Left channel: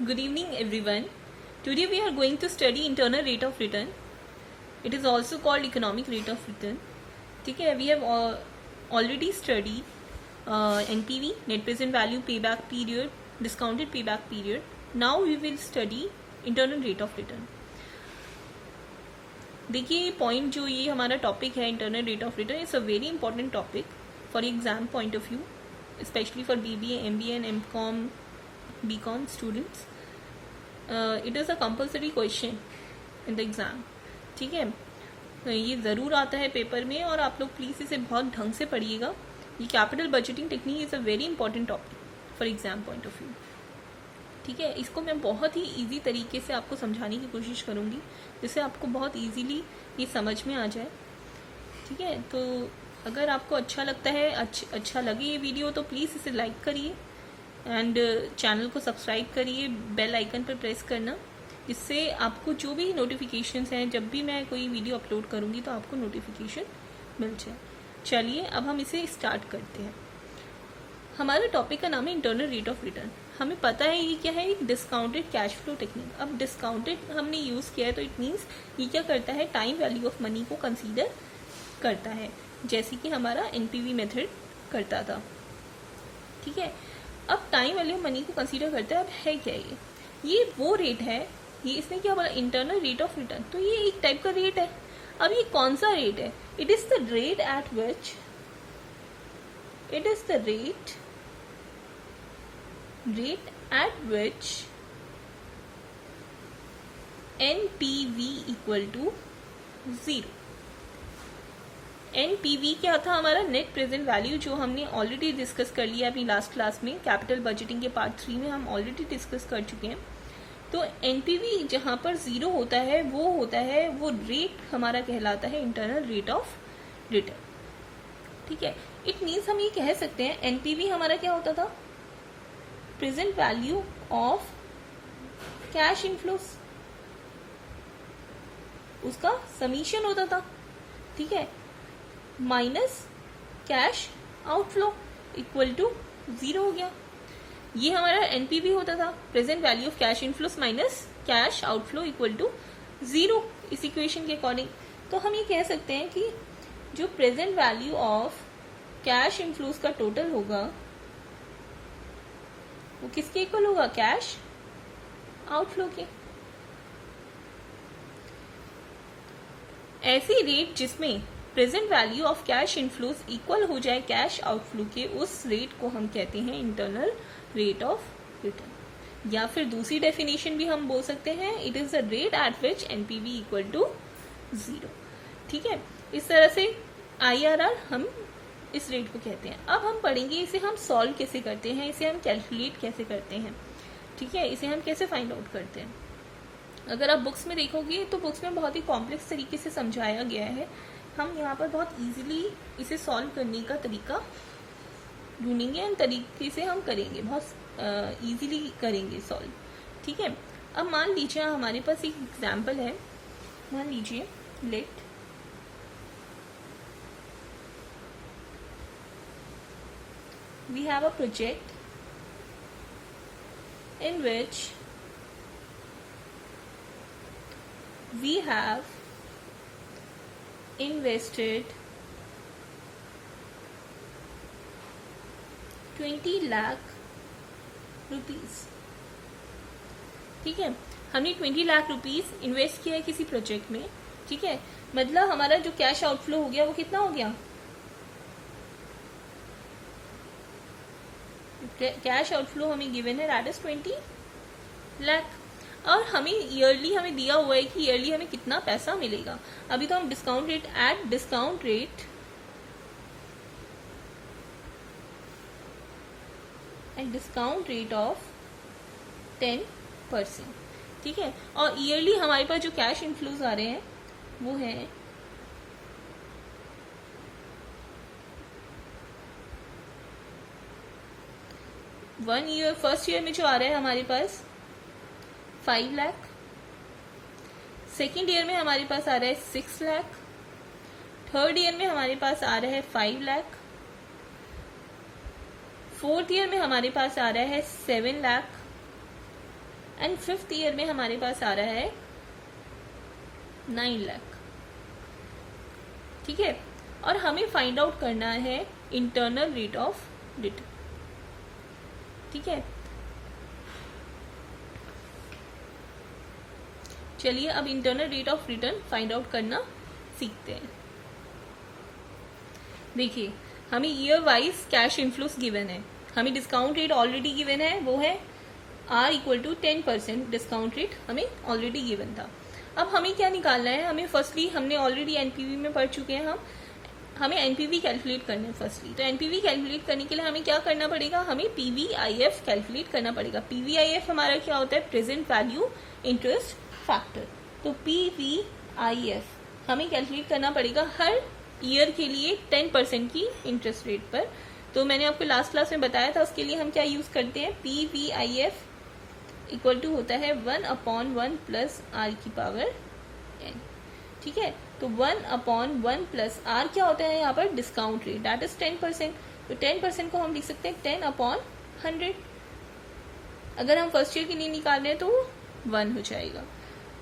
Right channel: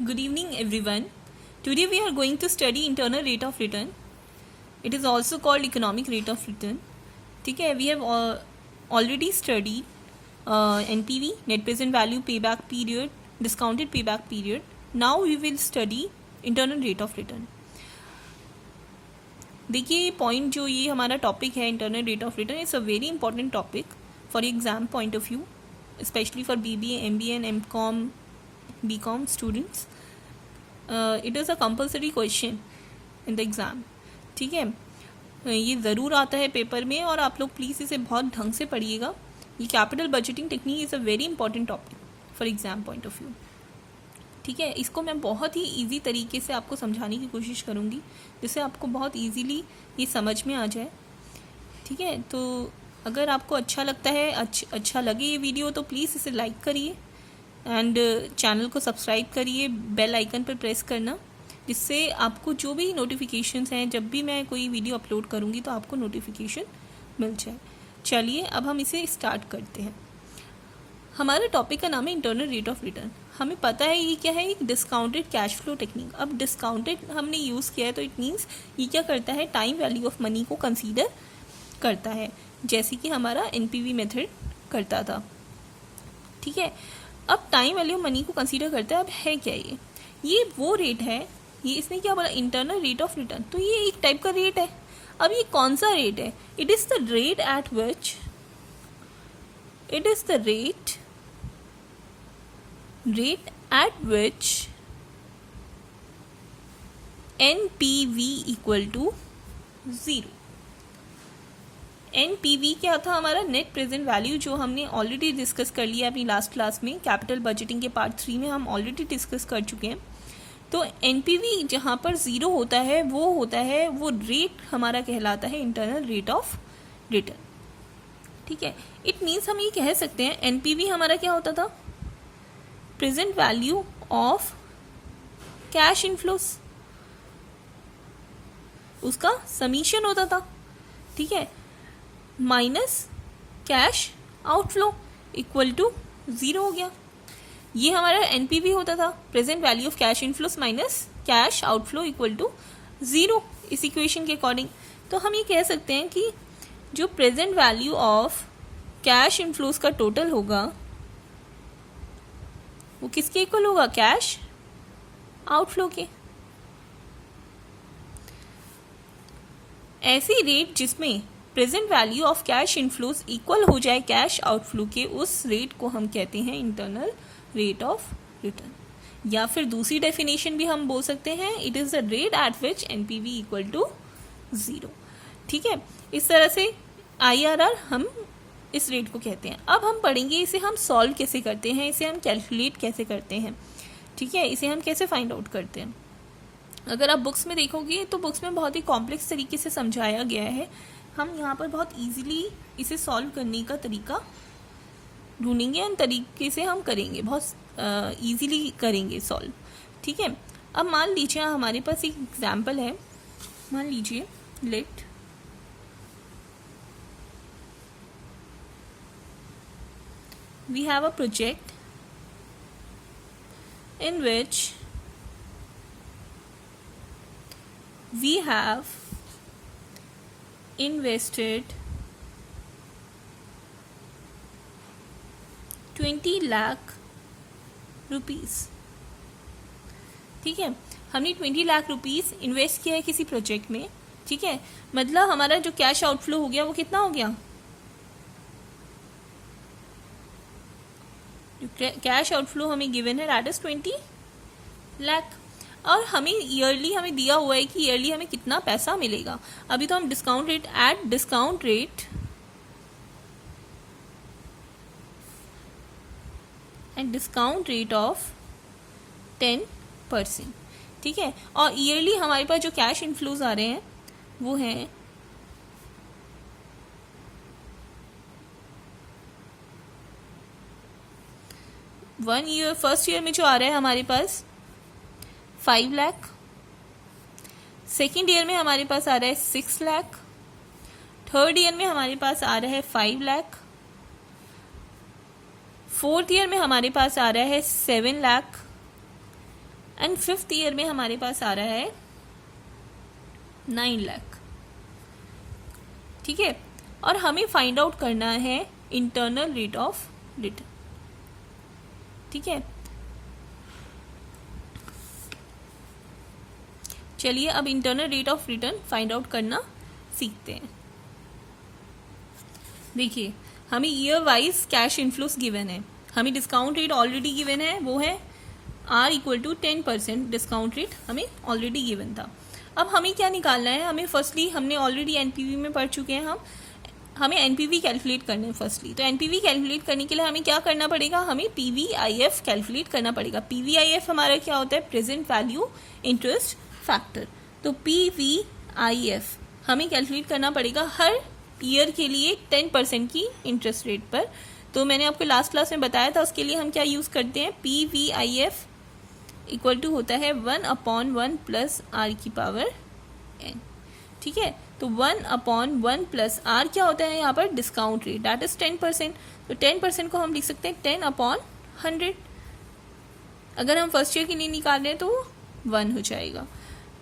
Good evening, everyone. Today we are going to study internal rate of return. It is also called economic rate of return. ठीक है, we have already studied NPV, net present value, payback period, discounted payback period. Now we will study internal rate of return. देखिए point जो ये हमारा topic है internal rate of return is a very important topic for exam point of view, especially for BBA, MBA and MCOM, BCom students. It is a compulsory question in the exam. ठीक है, ये ज़रूर आता है paper में और आप लोग प्लीज़ इसे बहुत ढंग से पढ़िएगा. ये capital budgeting technique is a very important topic for exam point of view. ठीक है, इसको मैं बहुत ही इजी तरीके से आपको समझाने की कोशिश करूँगी जिससे आपको बहुत इजीली ये समझ में आ जाए. ठीक है, तो अगर आपको अच्छा लगता है, अच्छा लगे ये वीडियो तो प्लीज़ इसे लाइक करिए एंड चैनल को सब्सक्राइब करिए, बेल आइकन पर प्रेस करना जिससे आपको जो भी नोटिफिकेशंस हैं, जब भी मैं कोई वीडियो अपलोड करूँगी तो आपको नोटिफिकेशन मिल जाए. चलिए अब हम इसे स्टार्ट करते हैं. हमारे टॉपिक का नाम है इंटरनल रेट ऑफ रिटर्न. हमें पता है ये क्या है, एक डिस्काउंटेड कैश फ्लो टेक्निक. अब डिस्काउंटेड हमने यूज़ किया है तो इट मीन्स ये क्या करता है, टाइम वैल्यू ऑफ मनी को कंसीडर करता है जैसे कि हमारा NPV मेथड करता था. ठीक है, अब टाइम वैल्यू मनी को कंसीडर करता है. अब है क्या ये वो रेट है, ये इसने क्या बोला, इंटरनल रेट ऑफ रिटर्न. तो ये एक टाइप का रेट है. अब ये कौन सा रेट है? It is the rate at which NPV equal to 0. NPV क्या था हमारा, नेट प्रेजेंट वैल्यू, जो हमने ऑलरेडी डिस्कस कर लिया अपनी लास्ट क्लास में. कैपिटल बजटिंग के पार्ट 3 में हम ऑलरेडी डिस्कस कर चुके हैं. तो NPV जहाँ पर 0 होता है वो रेट हमारा कहलाता है इंटरनल रेट ऑफ रिटर्न. ठीक है, इट मीन्स हम ये कह सकते हैं NPV हमारा क्या होता था, present value of cash inflows, उसका समीशन होता था. ठीक है, minus cash outflow equal to 0 हो गया. ये हमारा NPV होता था, present value of cash inflows minus cash outflow equal to 0 इस इक्वेशन के अकॉर्डिंग. तो हम ये कह सकते हैं कि जो present value of cash inflows का टोटल होगा वो किसके इक्वल होगा, कैश आउटफ्लो के. ऐसी रेट जिसमें present value of cash inflows equal हो जाए कैश आउटफ्लो के, उस रेट को हम कहते हैं इंटरनल रेट ऑफ रिटर्न. या फिर दूसरी डेफिनेशन भी हम बोल सकते हैं, it is the rate at which NPV equal to 0. ठीक है, इस तरह से IRR हम इस रेट को कहते हैं. अब हम पढ़ेंगे इसे हम सॉल्व कैसे करते हैं, इसे हम कैलकुलेट कैसे करते हैं. ठीक है, इसे हम कैसे फाइंड आउट करते हैं. अगर आप बुक्स में देखोगे तो बुक्स में बहुत ही कॉम्प्लेक्स तरीके से समझाया गया है. हम यहाँ पर बहुत इजीली इसे सॉल्व करने का तरीका ढूंढेंगे एंड तरीके से हम करेंगे, बहुत इजीली करेंगे सॉल्व. ठीक है, अब मान लीजिए हमारे पास एक एग्जाम्पल है. मान लीजिए let we have a project in which we have invested 20 lakh rupees. ठीक है, हमने 20 लाख रुपीस इन्वेस्ट किया है किसी प्रोजेक्ट में. ठीक है, मतलब हमारा जो कैश आउटफ्लो हो गया वो कितना हो गया, जो कैश आउटफ्लो हमें गिवन है दैट इज 20 लाख. और हमें ईयरली हमें दिया हुआ है कि ईयरली हमें कितना पैसा मिलेगा. अभी तो हम discount rate and discount rate of 10%. ठीक है, और ईयरली हमारे पास जो कैश इनफ्लोज आ रहे हैं वो है 1 ईयर. फर्स्ट ईयर में जो आ रहा है हमारे पास 5 लाख, सेकेंड ईयर में हमारे पास आ रहा है 6 लाख, थर्ड ईयर में हमारे पास आ रहा है 5 लाख, फोर्थ ईयर में हमारे पास आ रहा है 7 लाख एंड 5th ईयर में हमारे पास आ रहा है 9 लाख। ठीक है, और हमें फाइंड आउट करना है इंटरनल रेट ऑफ रिटर्न। ठीक है, चलिए अब internal rate of return find out करना सीखते हैं। देखिए, हमें year wise cash inflows given है, हमें डिस्काउंट रेट ऑलरेडी गिवन है, वो है R = 10% डिस्काउंट रेट हमें ऑलरेडी गिवन था। अब हमें क्या निकालना है, हमें फर्स्टली हमने ऑलरेडी एनपीवी में पढ़ चुके हैं हमें एनपीवी कैलकुलेट करना है फर्स्टली। तो एनपीवी कैलकुलेट करने के लिए हमें क्या करना पड़ेगा, हमें पीवीआईएफ कैलकुलेट करना पड़ेगा। पीवीआईएफ हमारा क्या होता है, प्रेजेंट वैल्यू इंटरेस्ट फैक्टर। तो पीवीआईएफ हमें कैलकुलेट करना पड़ेगा हर ईयर के लिए 10% की इंटरेस्ट रेट पर। तो मैंने आपको लास्ट क्लास में बताया था, उसके लिए हम क्या यूज करते हैं, पीवीआईएफ = होता है 1/1 + R⁴n। ठीक है, तो 1/1 + R क्या होता है यहाँ पर, डिस्काउंट रेट, दैट इज 10%। तो 10% को हम लिख सकते हैं 10/100। अगर हम फर्स्ट ईयर के लिए निकाल रहे हैं तो 1 हो जाएगा।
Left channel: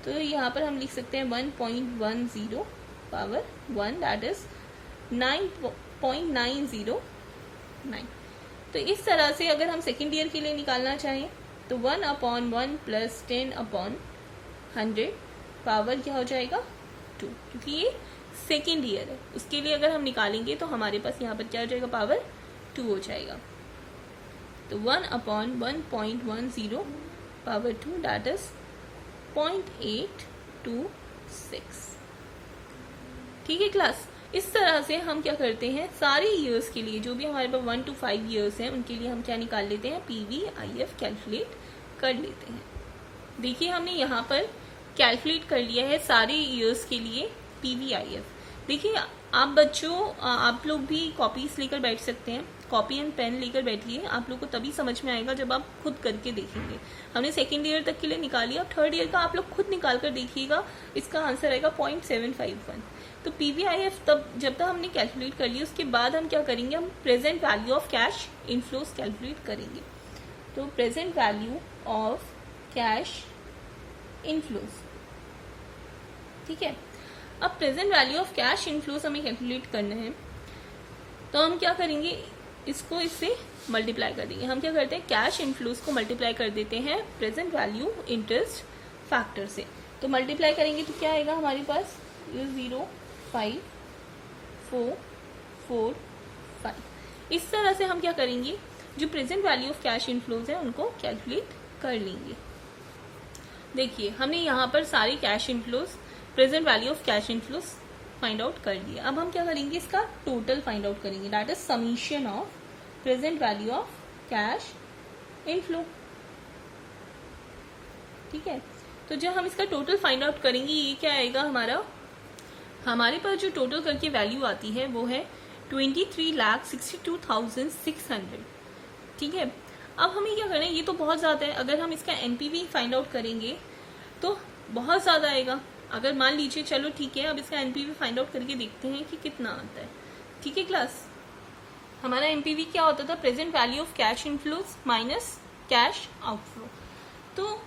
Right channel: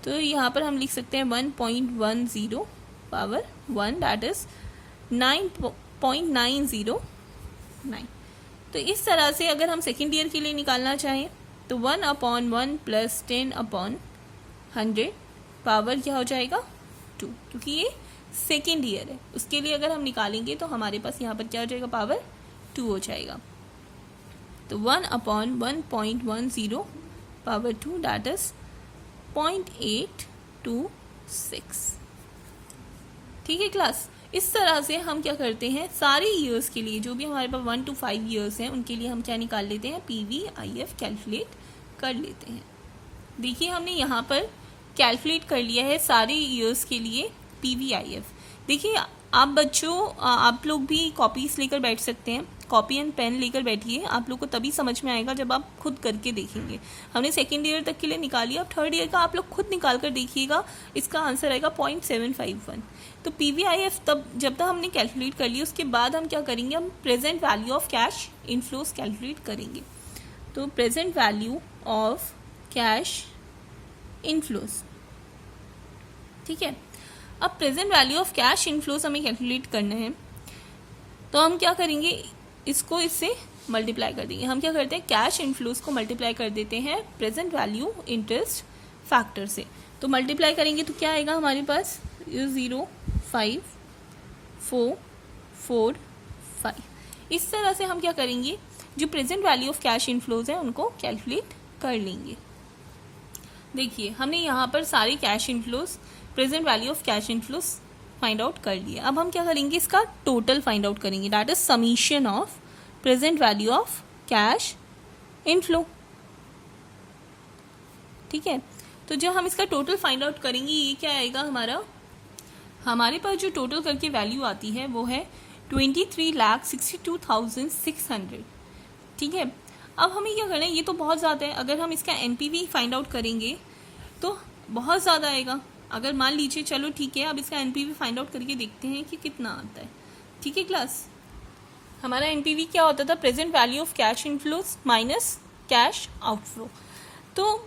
तो यहाँ पर हम लिख सकते हैं 1.10/1, दैट इज 9.909। तो इस तरह से अगर हम सेकेंड ईयर के लिए निकालना चाहें तो 1/1 + 10/100 पावर क्या हो जाएगा, 2, क्योंकि ये सेकेंड ईयर है। उसके लिए अगर हम निकालेंगे तो हमारे पास यहाँ पर क्या हो जाएगा, पावर 2 हो जाएगा। तो 1/1.10 पावर 2, दैट इज 0.826। ठीक है क्लास, इस तरह से हम क्या करते हैं, सारे ईयर्स के लिए जो भी हमारे पास 1 to 5 ईयर्स हैं उनके लिए हम क्या निकाल लेते हैं, पीवीआईएफ कैलकुलेट कर लेते हैं। देखिए, हमने यहाँ पर कैलकुलेट कर लिया है सारे ईयर्स के लिए पीवीआईएफ। देखिए, आप बच्चों, आप लोग भी कॉपीज लेकर बैठ सकते हैं, कॉपी एंड पेन लेकर बैठिए, आप लोग को तभी समझ में आएगा जब आप खुद करके देखेंगे। हमने सेकेंड ईयर तक के लिए निकाली, अब थर्ड ईयर का आप लोग खुद निकाल कर देखिएगा, इसका आंसर आएगा 0.751। तो पीवीआईएफ जब तक हमने कैलकुलेट कर लिया, उसके बाद हम क्या करेंगे, हम present value of cash inflows calculate करेंगे। तो present value of cash inflows, ठीक है। अब present value of cash inflows हमें कैलकुलेट करना है, तो हम क्या करेंगे, इसको इससे मल्टीप्लाई कर देंगे। हम क्या करते हैं, कैश इनफ्लोस को मल्टीप्लाई कर देते हैं प्रेजेंट वैल्यू इंटरेस्ट फैक्टर से। तो मल्टीप्लाई करेंगे तो क्या आएगा हमारे पास, 0.5445। इस तरह से हम क्या करेंगे, जो present value of cash inflows है उनको कैलकुलेट कर लेंगे। देखिए, हमने यहाँ पर सारे cash inflows, present value of cash inflows find out कर लिए। अब हम क्या करेंगे, इसका टोटल फाइंड आउट करेंगे, that is summation of present value of cash inflow. ठीक है, तो जब हम इसका टोटल फाइंड आउट करेंगे, ये क्या आएगा हमारे पास जो टोटल करके वैल्यू आती है वो है 23,62,600। ठीक है, अब हमें क्या करना है, ये तो बहुत ज़्यादा है, अगर हम इसका एनपीवी फाइंड आउट करेंगे तो बहुत ज़्यादा आएगा। अगर मान लीजिए, चलो ठीक है, अब इसका एनपीवी फाइंड आउट करके देखते हैं कि कितना आता है। ठीक है क्लास, हमारा एनपीवी क्या होता था, present value of cash inflows minus cash outflow. तो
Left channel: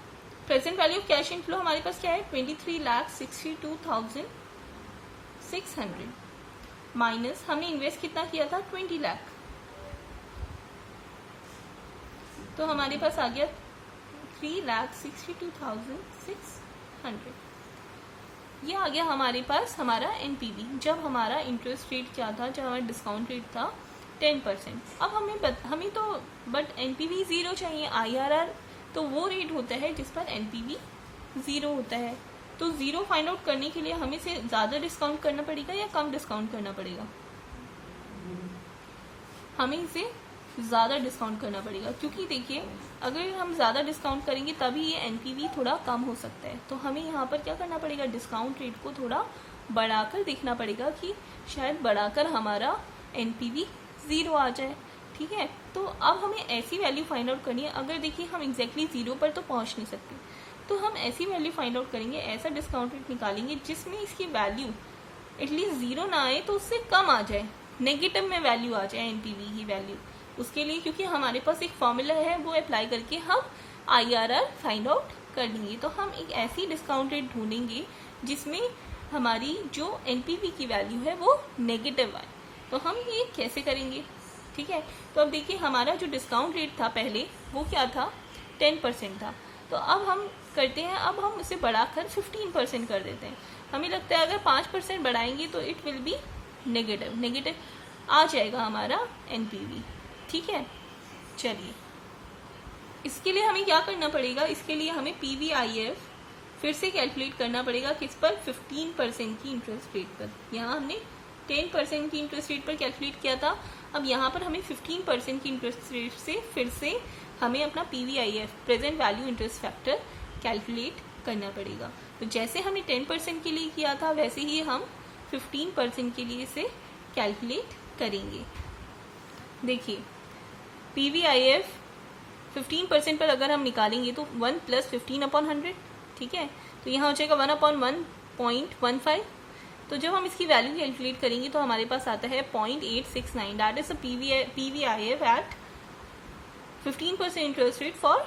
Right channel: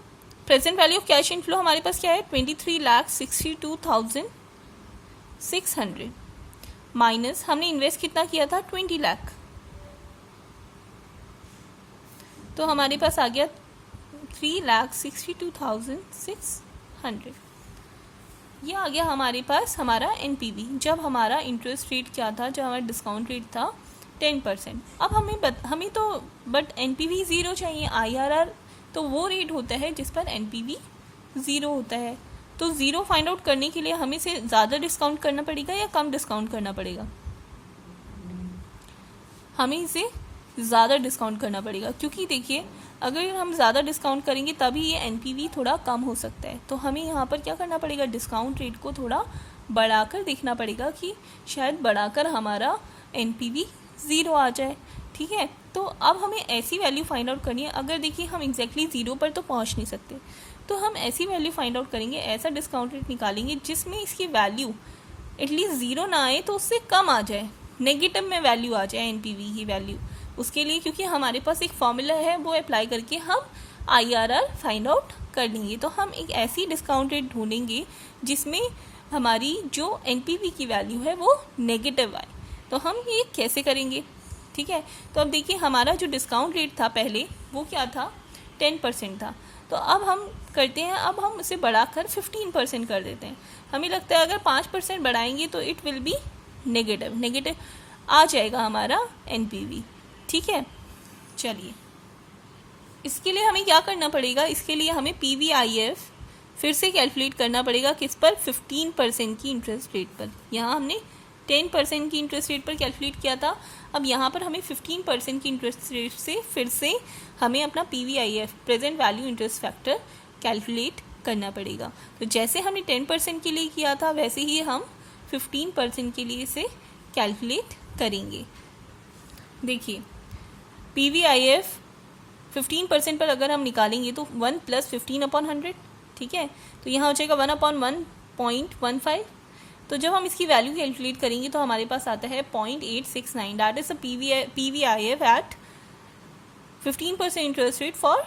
present value of cash inflow हमारे पास क्या है, 23,62,600 माइनस हमने इन्वेस्ट कितना किया था, 20 लाख। तो हमारे पास आ गया 3,62,600। ये आ गया हमारे पास हमारा एनपीवी, जब हमारा इंटरेस्ट रेट क्या था, जब हमारा डिस्काउंट रेट था 10%। अब हमें तो बट एनपीवी 0 चाहिए, आईआरआर तो वो रेट होता है जिस पर एनपीवी 0 होता है। तो 0 फाइंड आउट करने के लिए हमें से ज़्यादा डिस्काउंट करना पड़ेगा या कम डिस्काउंट करना पड़ेगा, हमें इसे ज़्यादा डिस्काउंट करना पड़ेगा, क्योंकि देखिए, अगर हम ज़्यादा डिस्काउंट करेंगे तभी ये एनपीवी थोड़ा कम हो सकता है। तो हमें यहाँ पर क्या करना पड़ेगा, डिस्काउंट रेट को थोड़ा बढ़ाकर देखना पड़ेगा कि शायद बढ़ाकर हमारा एनपीवी 0 आ जाए। ठीक है, तो अब हमें ऐसी वैल्यू फाइंड आउट करनी है, अगर देखिए हम एग्जैक्टली 0 पर तो पहुँच नहीं सकते, तो हम ऐसी वैल्यू फाइंड आउट करेंगे, ऐसा डिस्काउंट रेट निकालेंगे जिसमें इसकी वैल्यू एटलीस्ट 0 ना आए तो उससे कम आ जाए, नेगेटिव में वैल्यू आ जाए एनपीवी की वैल्यू। उसके लिए क्योंकि हमारे पास एक फॉर्मूला है, वो अप्लाई करके हम आईआरआर फाइंड आउट कर लेंगे। तो हम एक ऐसी डिस्काउंट रेट ढूंढेंगे जिसमें हमारी जो एनपीवी की वैल्यू है वो नेगेटिव आए। तो हम ये कैसे करेंगे, ठीक है। तो अब देखिए हमारा जो डिस्काउंट रेट था पहले वो क्या था, 10% था। तो अब हम करते हैं, अब हम उसे बढ़ाकर 15% कर देते हैं। हमें लगता है अगर 5% बढ़ाएंगे तो इट विल बी नेगेटिव आ जाएगा हमारा एनपीवी, ठीक है। चलिए इसके लिए हमें क्या करना पड़ेगा, इसके लिए हमें पीवीआईएफ फिर से कैलकुलेट करना पड़ेगा। किस पर, 15% की इंटरेस्ट रेट पर। यहाँ हमने 10% की इंटरेस्ट रेट पर कैलकुलेट किया था, अब यहाँ पर हमें 15% की इंटरेस्ट रेट से फिर से हमें अपना PVIF present value interest factor calculate करना पड़ेगा। तो जैसे हमने 10% के लिए किया था वैसे ही हम 15% के लिए इसे कैलकुलेट करेंगे। देखिए पीवीआईएफ 15% पर अगर हम निकालेंगे तो 1 + 15/100, ठीक है। तो यहाँ हो जाएगा 1/1.15। तो जब हम इसकी वैल्यू कैलकुलेट करेंगे तो हमारे पास आता है 0.869, that is a PVIF at 15% interest rate for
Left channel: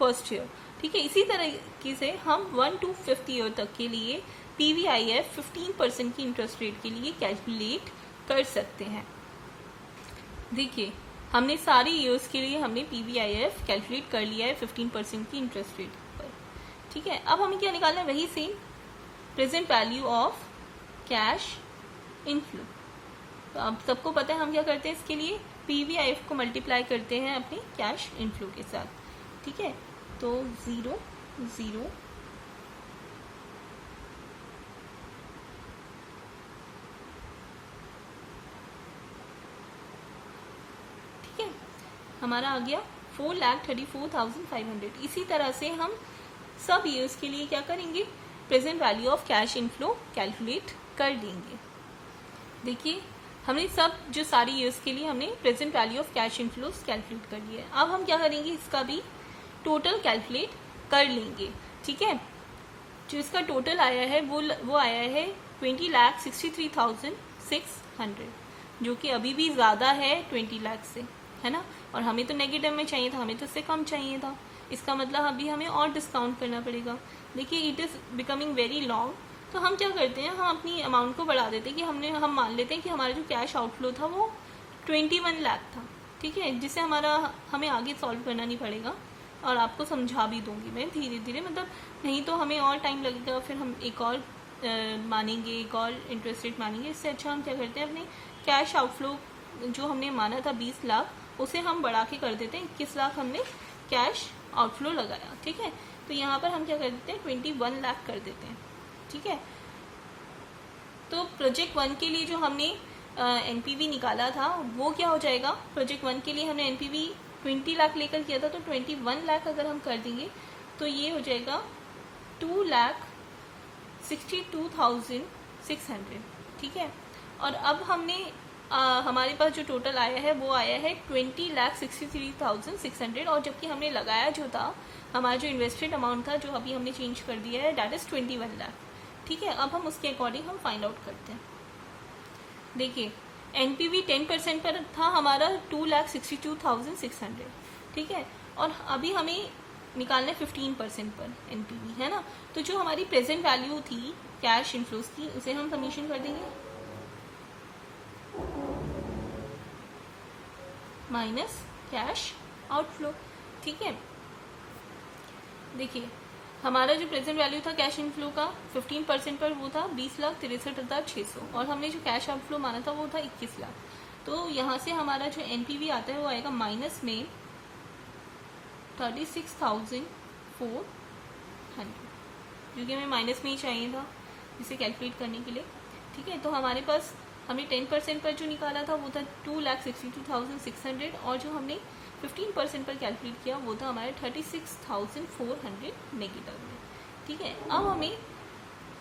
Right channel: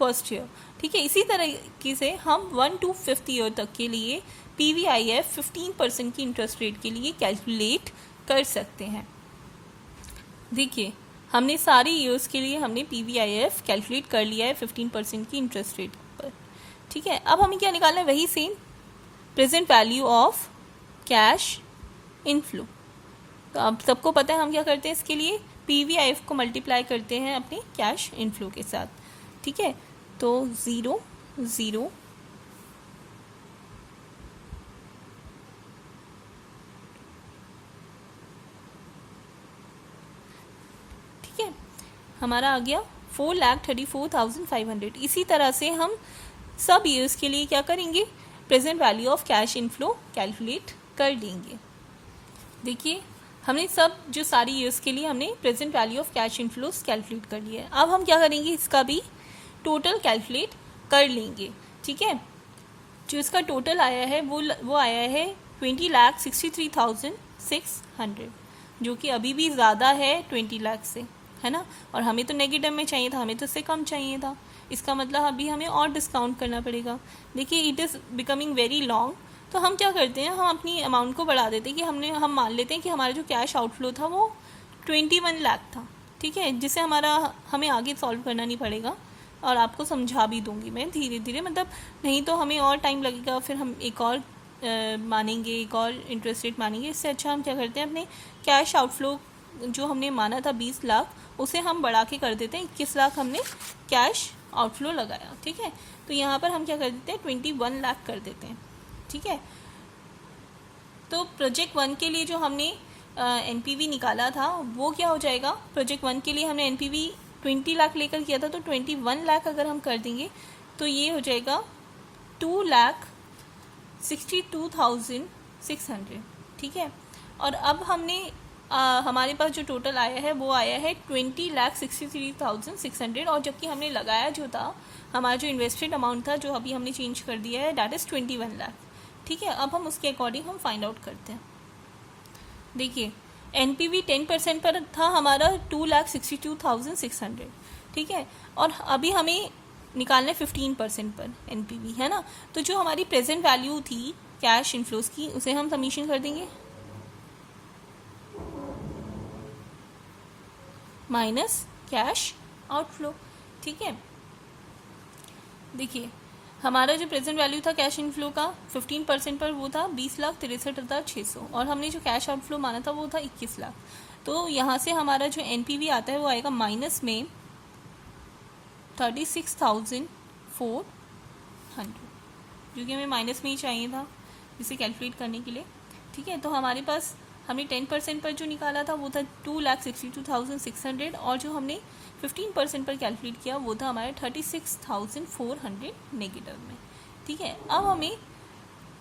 first year, ठीक है। इसी तरीके से हम 1 to 5th ईयर तक के लिए पीवीआईएफ 15% की इंटरेस्ट रेट के लिए कैलकुलेट कर सकते हैं। देखिए हमने सारे ईयर्स के लिए हमने पीवीआईएफ कैलकुलेट कर लिया है 15% की इंटरेस्ट रेट पर, ठीक है। अब हमें क्या निकालना है, वही same present value of cash inflow. तो अब सबको पता है हम क्या करते हैं, इसके लिए पीवीआईएफ को मल्टीप्लाई करते हैं अपने कैश इनफ्लो के साथ, ठीक है। तो 0 0 ठीक है, हमारा आ गया 4,34,500। इसी तरह से हम सब ईयर्स के लिए क्या करेंगे, present value of cash inflow calculate कर लेंगे। देखिए हमने सब जो सारी ईयर्स के लिए हमने present value of cash inflows calculate कर लिया है। अब हम क्या करेंगे, इसका भी टोटल कैलकुलेट कर लेंगे, ठीक है। जो इसका टोटल आया है वो आया है 20,63,600, जो कि अभी भी ज़्यादा है 20 लाख से, है ना। और हमें तो नेगेटिव में चाहिए था, हमें तो इससे कम चाहिए था। इसका मतलब अभी हमें और डिस्काउंट करना पड़ेगा। देखिए it is becoming very long. तो हम क्या करते हैं, हम अपनी अमाउंट को बढ़ा देते हैं कि हम मान लेते हैं कि हमारा जो कैश आउटफ्लो था वो 21 लाख था, ठीक है। जिससे हमें आगे सॉल्व करना नहीं पड़ेगा और आपको समझा भी दूंगी मैं धीरे धीरे, मतलब नहीं तो हमें और टाइम लगेगा, फिर हम एक और मानेंगे, एक और इंटरेस्ट रेट मानेंगे। इससे अच्छा हम क्या करते हैं, अपने कैश आउटफ्लो जो हमने माना था 20 लाख उसे हम बढ़ा के कर देते हैं 21 लाख हमने कैश आउटफ्लो लगाया, ठीक है। तो यहाँ पर हम क्या कर देते हैं 21 लाख कर देते हैं, ठीक है। तो प्रोजेक्ट 1 के लिए जो हमने एनपीवी निकाला था वो क्या हो जाएगा, प्रोजेक्ट 1 के लिए हमने एनपीवी 20 लाख लेकर किया था, तो 21 लाख अगर हम कर देंगे तो ये हो जाएगा 2,62,600, ठीक है। और अब हमने हमारे पास जो टोटल आया है वो आया है 20,63,600, और जबकि हमने लगाया जो था, हमारा जो इन्वेस्टेड अमाउंट था जो अभी हमने चेंज कर दिया है दैट इज़ 21 लाख, ठीक है। अब हम उसके अकॉर्डिंग हम फाइंड आउट करते हैं। देखिए एनपीवी 10% पर था हमारा 2,62,600, ठीक है। और अभी हमें निकालना है 15% पर एनपीवी, है ना। तो जो हमारी प्रेजेंट वैल्यू थी कैश इनफ्लोस की उसे हम समीशन कर देंगे माइनस कैश आउटफ्लो, ठीक है। देखिए हमारा जो प्रेजेंट वैल्यू था कैश इनफ्लो का 15% पर वो था 20,63,600, और हमने जो कैश आउटफ्लो माना था वो था 21 लाख। तो यहाँ से हमारा जो एनपीवी आता है वो आएगा माइनस में 36,400, जो कि हमें माइनस में ही चाहिए था इसे कैलकुलेट करने के लिए, ठीक है। तो हमारे पास हमने 10% पर जो निकाला था वो था 2,62,600, और जो हमने 15% पर कैलकुलेट किया वो था हमारे 36,400 नेगेटिव में, ठीक है। अब हमें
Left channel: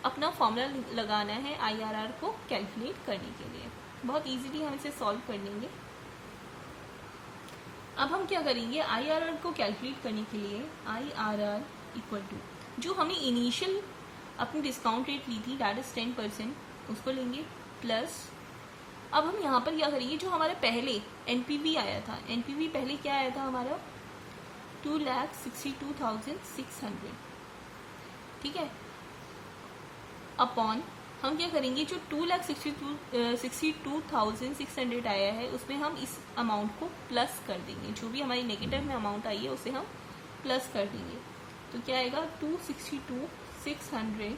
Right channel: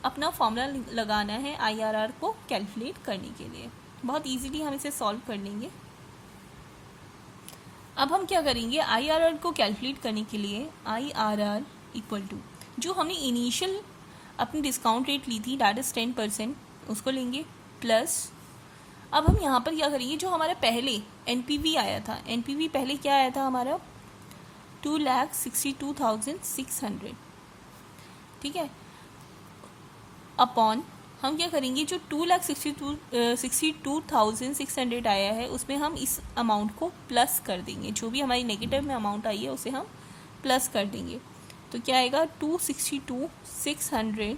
अपना फॉर्मूला लगाना है आईआरआर को कैलकुलेट करने के लिए। बहुत इजीली हम इसे सॉल्व कर लेंगे। अब हम क्या करेंगे, आईआरआर को कैलकुलेट करने के लिए आईआरआर इक्वल टू जो हमें इनिशियल अपनी डिस्काउंट रेट ली थी दैट इज 10%, उसको लेंगे प्लस अब हम यहाँ पर क्या करेंगे, जो हमारा पहले एनपीवी आया था, एनपीवी पहले क्या आया था हमारा 2,62,600, ठीक है। अपॉन हम क्या करेंगे, जो 2,62,600 आया है उसमें हम इस अमाउंट को प्लस कर देंगे, जो भी हमारी नेगेटिव में अमाउंट आई है उसे हम प्लस कर देंगे। तो क्या आएगा, 262,600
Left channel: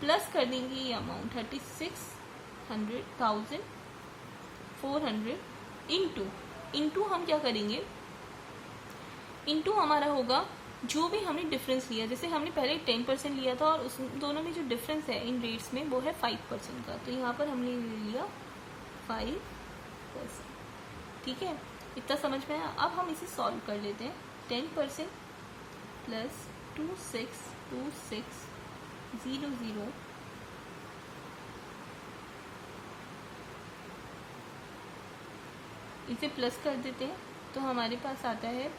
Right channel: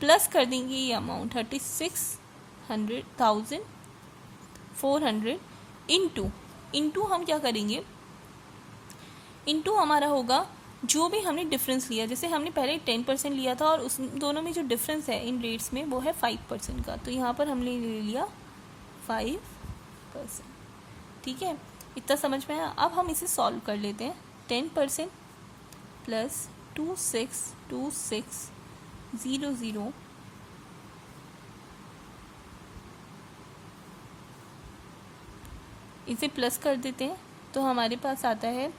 प्लस कर देंगे ये अमाउंट 36,400 इंटू हम क्या करेंगे, इंटू हमारा होगा जो भी हमने डिफरेंस लिया। जैसे हमने पहले 10% लिया था और उस दोनों में जो डिफरेंस है इन रेट्स में वो है 5% का, तो यहाँ पर हमने ले लिया 5%। ठीक है, इतना समझ में आया। अब हम इसे सॉल्व कर लेते हैं। 10% प्लस 262600 इसे प्लस कर देते हैं तो हमारे पास आता है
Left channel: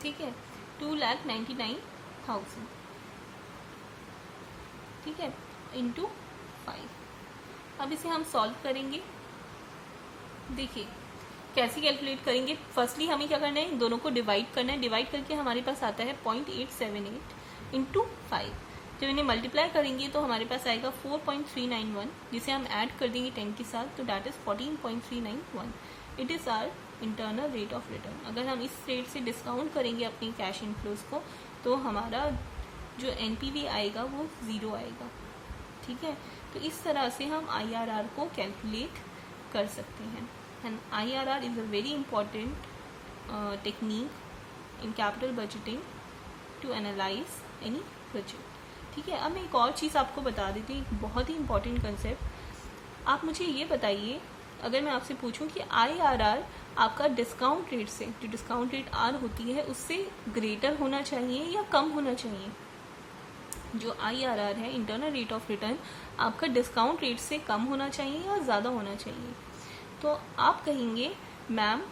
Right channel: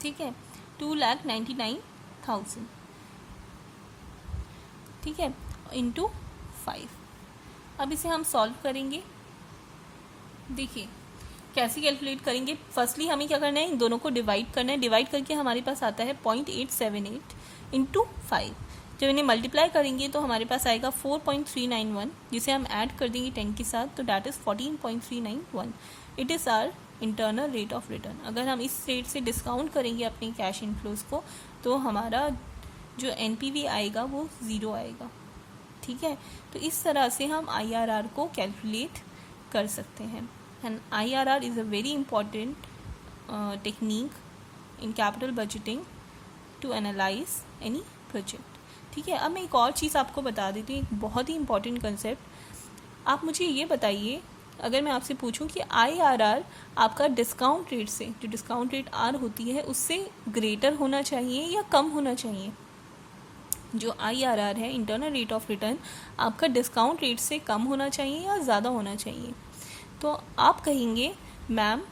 ठीक है 2,99,000, ठीक है, इंटू 5। अब इसे हम सॉल्व करेंगे। देखिए कैसे कैलकुलेट करेंगे। फर्स्टली हमें क्या करना है, इन दोनों को डिवाइड करना है। डिवाइड करके हमारे पास आता है 0.878 इंटू 5। जब इन्हें मल्टीप्लाई करेंगे तो हमारे पास आएगा 4.391, जिसे हम ऐड कर देंगे 10 के साथ, तो that is 14.391। It is our internal rate of return. अगर हम इस रेट से डिस्काउंट करेंगे अपने कैश इनफ्लोज को तो हमारा जो एनपीवी आएगा वो 0 आएगा। ठीक है, तो इस तरह से हम IRR को कैलकुलेट कर सकते हैं। And IRR is a very important technique in capital budgeting to analyse any project. ठीक है, अब मैं एक और चीज़ आपको बता देती हूँ, एक बहुत ही इंपॉर्टेंट कंसेप्ट। आप मुझे ये बताइए, अगर मैं आपसे पूछूं कि IRR आपका डिस्काउंट रेट से, जो डिस्काउंट रेट R होती है उससे ग्रेटर होना चाहिए या कम होना चाहिए। जो IRR है, इंटरनल रेट ऑफ रिटर्न, आपका डिस्काउंट रेट से कम होना चाहिए या ज़्यादा होना चाहिए। तो आप कहेंगे ma'am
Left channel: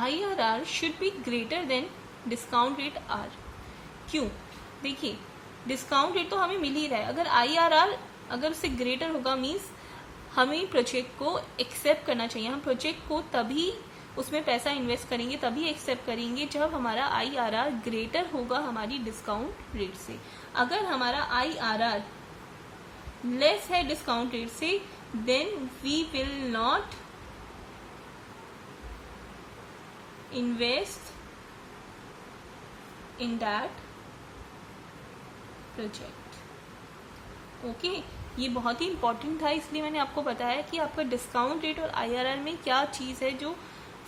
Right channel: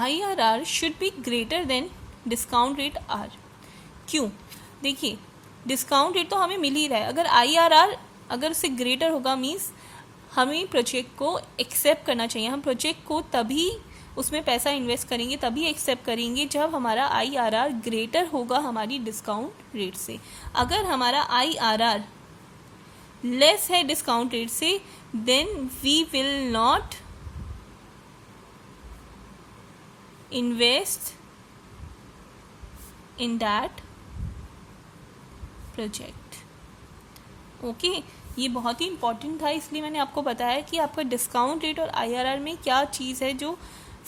IRR should be greater than discount rate R। क्यों? देखिए डिस्काउंट रेट तो हमें मिल ही रहा है, अगर IRR अगर उससे ग्रेटर होगा मीन्स हमें प्रोजेक्ट को एक्सेप्ट करना चाहिए। हम प्रोजेक्ट को तभी उसमें पैसा इन्वेस्ट करेंगे, तभी एक्सेप्ट करेंगे जब हमारा IRR ग्रेटर होगा हमारी डिस्काउंट रेट से। अगर हमारा IRR लेस है डिस्काउंट रेट से, then we will not invest in that project. Okay, ये बहुत ही इंपॉर्टेंट था, इसलिए मैंने आपको बताया कि आपका डिस्काउंट रेट और IRR में क्या चीज़ है जो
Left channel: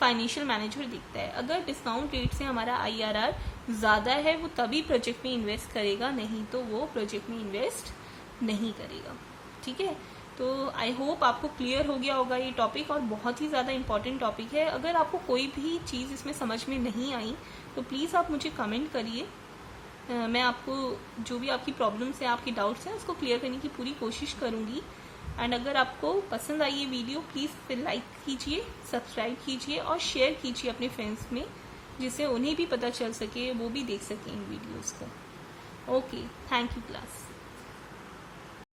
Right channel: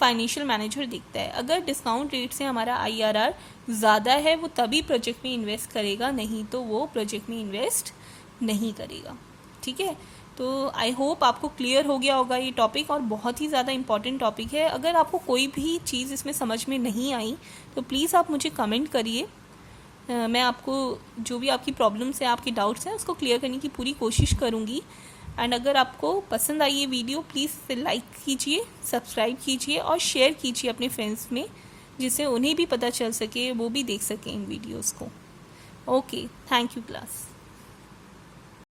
फाइनेंशियल मैनेजर देखता है। अगर डिस्काउंट रेट से हमारा IRR ज़्यादा है वो तभी प्रोजेक्ट में इन्वेस्ट करेगा, नहीं तो वो प्रोजेक्ट में इन्वेस्ट नहीं करेगा। ठीक है, तो आई होप आपको क्लियर हो गया होगा ये टॉपिक, और बहुत ही ज़्यादा इंपॉर्टेंट टॉपिक है। अगर आपको कोई भी चीज़ इसमें समझ में नहीं आई तो प्लीज़ आप मुझे कमेंट करिए। मैं आपको जो भी आपकी प्रॉब्लम्स हैं, आपकी डाउट्स हैं, उसको क्लियर करने की पूरी कोशिश करूँगी। एंड अगर आपको पसंद आई ये वीडियो, प्लीज़ लाइक कीजिए, सब्सक्राइब कीजिए और शेयर कीजिए अपने फ्रेंड्स में, जिससे उन्हें भी पता चल सके, वो भी देख सकें इन वीडियोज़ को। Okay, thank you class.